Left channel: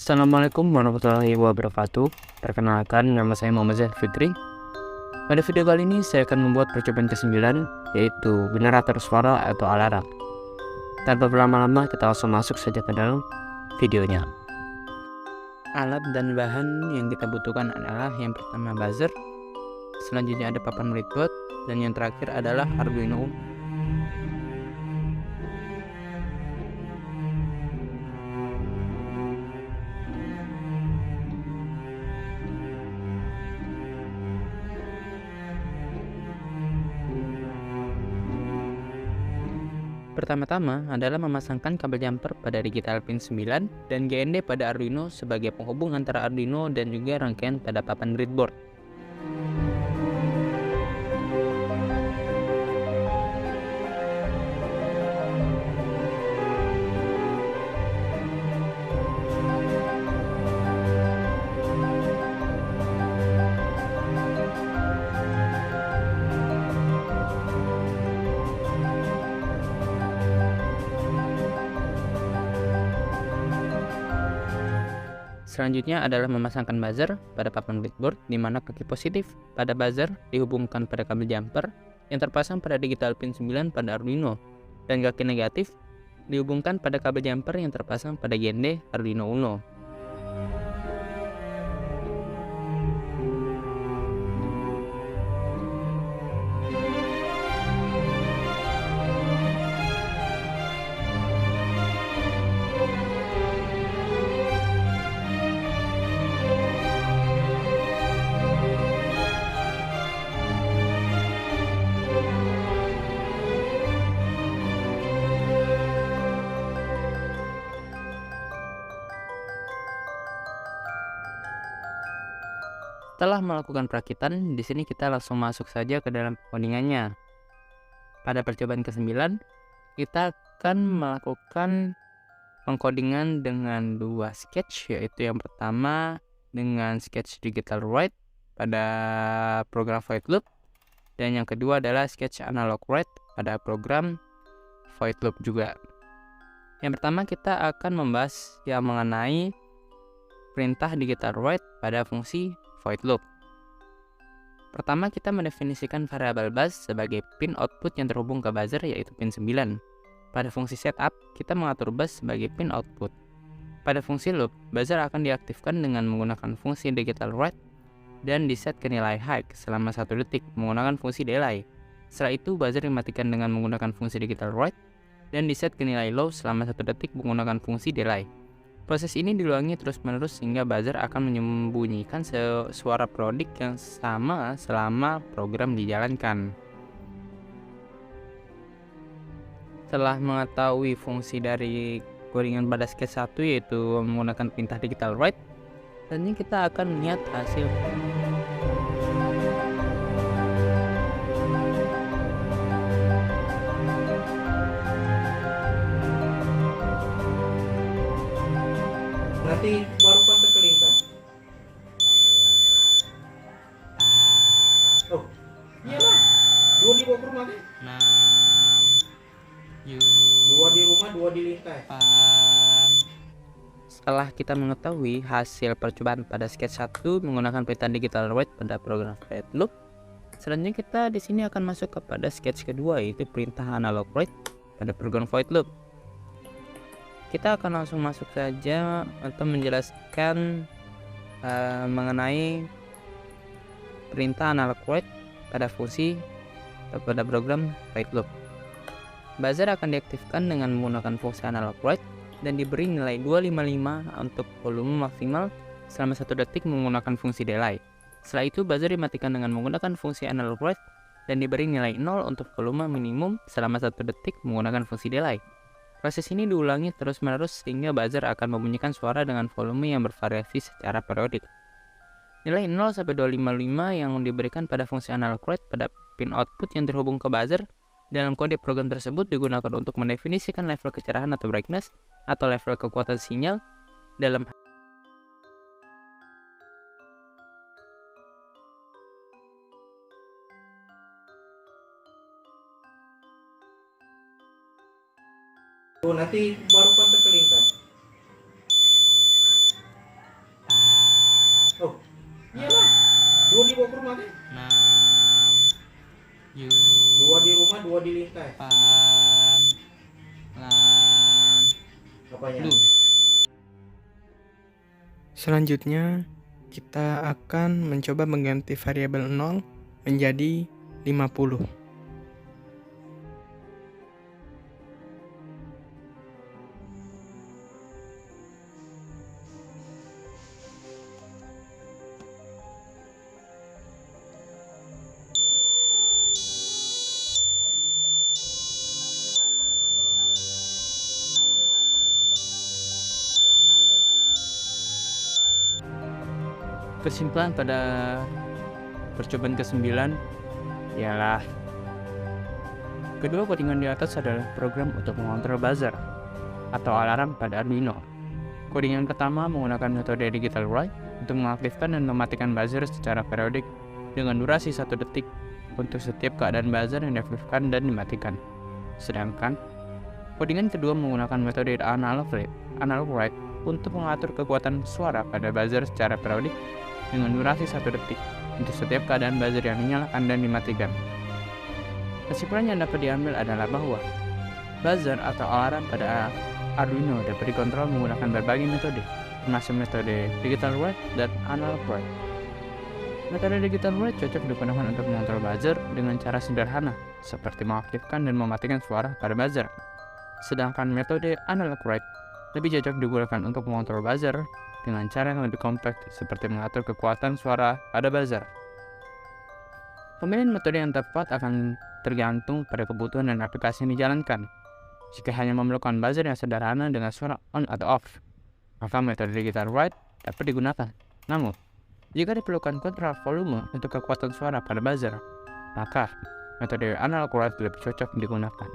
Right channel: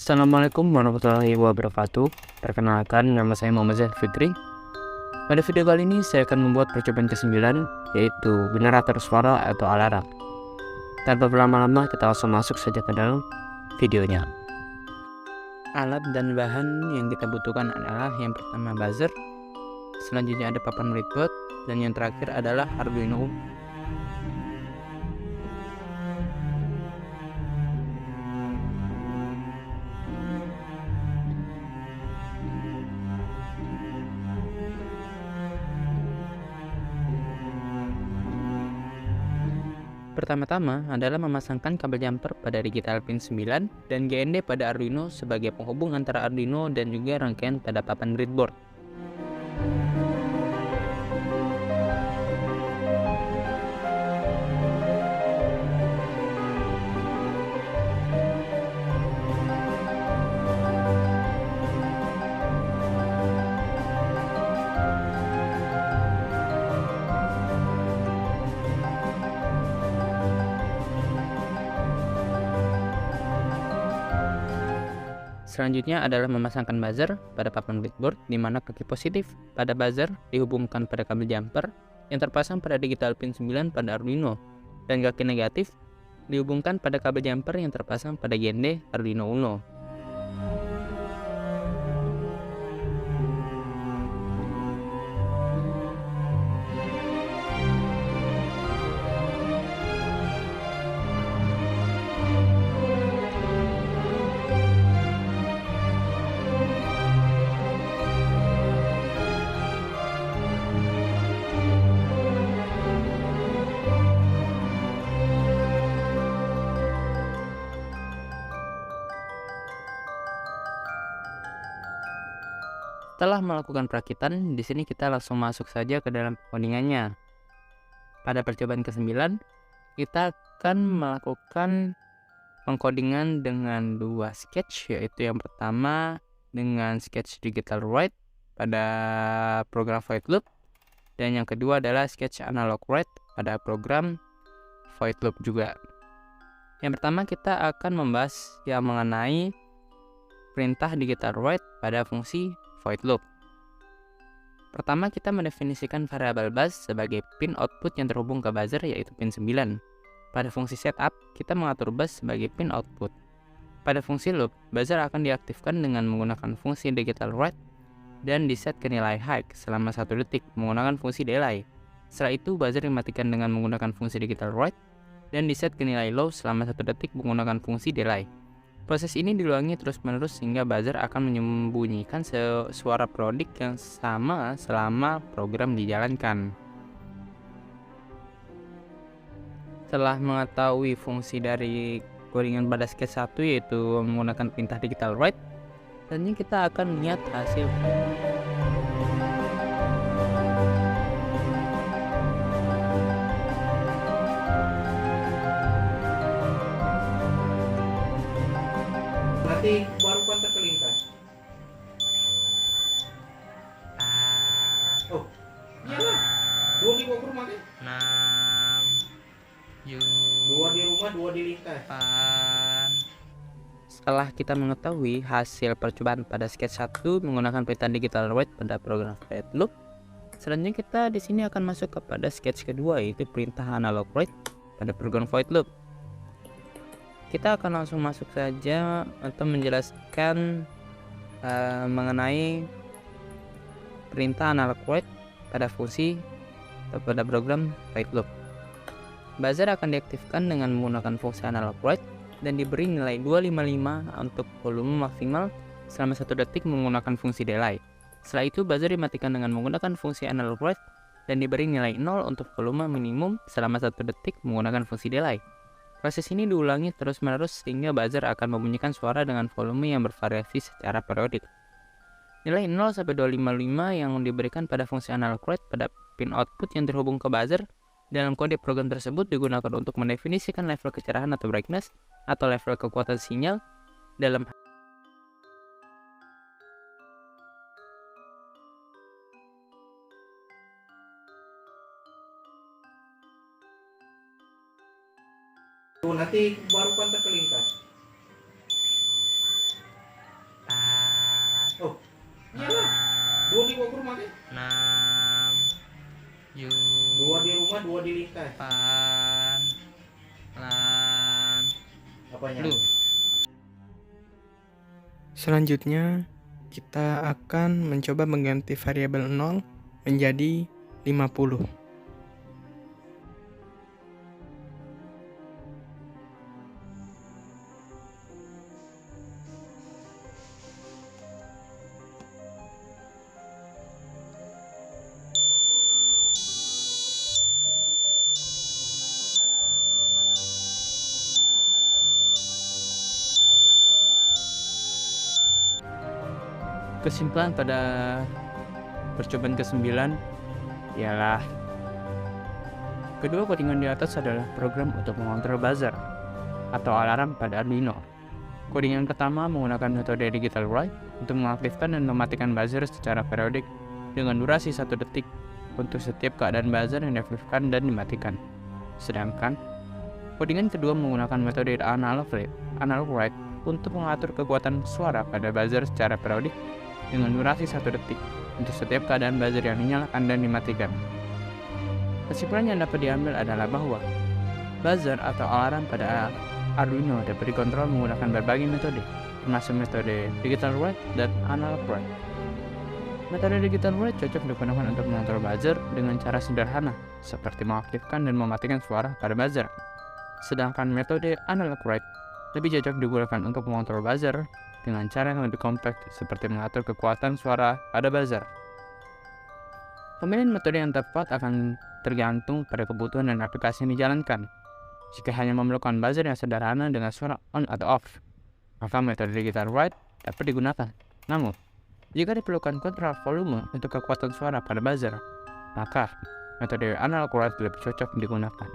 Assalamualaikum warahmatullahi wabarakatuh. Perkenalkan, nama saya Muhammad Zaid Fikri. Pada video kali ini saya akan membuat percobaan ke-9, yaitu generator suara atau alarm. Tanpa berlama-lama, kita langsung masuk saja ke dalam videonya. Alat dan bahan yang kita butuhkan adalah yang pertama buzzer, selanjutnya ada papan breadboard, dan yang terakhir adalah Arduino. Pertama-tama adalah memasangkan kabel jumper pada digital pin 9 dan GND pada Arduino sebagai penghubung antara Arduino dan juga rangkaian pada papan breadboard. Selanjutnya adalah memasangkan buzzer pada papan breadboard, di mana kaki positif pada buzzer dihubungkan pada kabel jumper yang terpasang pada digital pin 9 pada Arduino, dan kaki negatif dihubungkan pada kabel jumper yang terpasang pada GND Arduino Uno. Setelah melakukan perakitan, di sini kita langsung masuk saja ke dalam codingannya. Pada percobaan ke-9, kita akan melakukan pengkodingan dengan dua sketch, yaitu yang pertama dengan sketch digital write pada program void loop, dan yang kedua adalah sketch analog write pada program void loop juga. Yang pertama kita akan membahas yang mengenai perintah digital write pada fungsi void loop. Pertama, kita mendefinisikan variabel bus sebagai pin output yang terhubung ke buzzer, yaitu pin 9. Pada fungsi setup, kita mengatur bus sebagai pin output. Pada fungsi loop, buzzer akan diaktifkan dengan menggunakan fungsi digital write dan diset ke nilai high selama 1 detik menggunakan fungsi delay. Setelah itu, buzzer dimatikan dengan menggunakan fungsi digital write dan diset ke nilai low selama 1 detik menggunakan fungsi delay. Proses ini diulangi terus-menerus sehingga buzzer akan menyembunyikan suara perodik yang sama selama program dijalankan. Setelah mengetahui fungsi dari codingan pada sketch 1, yaitu menggunakan perintah digital write, selanjutnya kita akan melihat hasil. Nanti baru kontak ke Lintas. Oh, iyalah. 2 dibawa ke rumah kan? 6, 2 di rumah, 2 di Lintas. 8. Setelah kita mengetahui hasil percobaan pada sketch 1 menggunakan perintah digital write pada program void loop, selanjutnya kita di sini akan masuk kepada sketch kedua, yaitu perintah analog write pada program void loop. Kita akan langsung masuk saja untuk menjelaskan mengenai perintah analog write pada fungsi atau pada program void loop. Buzzer akan diaktifkan dengan menggunakan fungsi analog write dan diberi nilai 255 untuk volume maksimal selama 1 detik menggunakan fungsi delay. Setelah itu, buzzer dimatikan dengan menggunakan fungsi analog write dan diberi nilai 0 untuk volume minimum selama 1 detik menggunakan fungsi delay. Proses ini diulangi terus-menerus sehingga buzzer akan membunyikan suara dengan volume yang bervariasi secara periodik. Nilai 0 sampai 255 yang diberikan pada fungsi analog write pada pin output yang terhubung ke buzzer dalam kode program tersebut digunakan untuk mendefinisikan level kecerahan atau brightness atau level kekuatan sinyal dalam Tuh, nanti baru kontak ke Lintas. dibawa ke rumah kan? 6 Dua di rumah, dua di lintas. 8 lan Apanya? lu. Selanjutnya kita akan mencoba mengganti variabel 0 menjadi 50. Kesimpulan pada percobaan ke-9 ialah kedua codingan di atas adalah program untuk mengontrol buzzer atau alarm pada Arduino. Codingan pertama menggunakan metode digital write untuk mengaktifkan dan mematikan buzzer secara periodik dengan durasi 1 detik untuk setiap keadaan buzzer yang diaktifkan dan dimatikan. Sedangkan codingan kedua menggunakan metode analog write untuk mengatur kekuatan suara pada buzzer secara periodik dengan durasi 1 detik untuk setiap keadaan buzzer yang dinyalakan dan dimatikan. Kesimpulan yang dapat diambil adalah bahwa buzzer atau alarm pada Arduino dapat dikontrol menggunakan berbagai metode, termasuk metode digital write dan analog write. Metode digital write cocok digunakan untuk mengontrol buzzer dengan cara sederhana, seperti mengaktifkan dan mematikan suara pada buzzer. Sedangkan metode analog write lebih cocok digunakan untuk mengontrol buzzer dengan cara yang lebih kompleks seperti mengatur kekuatan suara pada buzzer. Pemilihan metode yang tepat akan tergantung pada kebutuhan dan aplikasi yang dijalankan. Jika hanya memerlukan buzzer yang sederhana dengan suara on atau off, maka metode digital write dapat digunakan. Namun, jika diperlukan kontrol volume untuk kekuatan suara pada buzzer, maka metode analog write lebih cocok digunakan.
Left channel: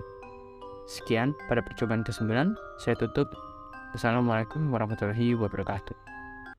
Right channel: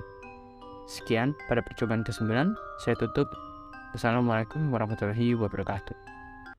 Sekian pada percobaan ke-9, saya tutup. Assalamualaikum warahmatullahi wabarakatuh.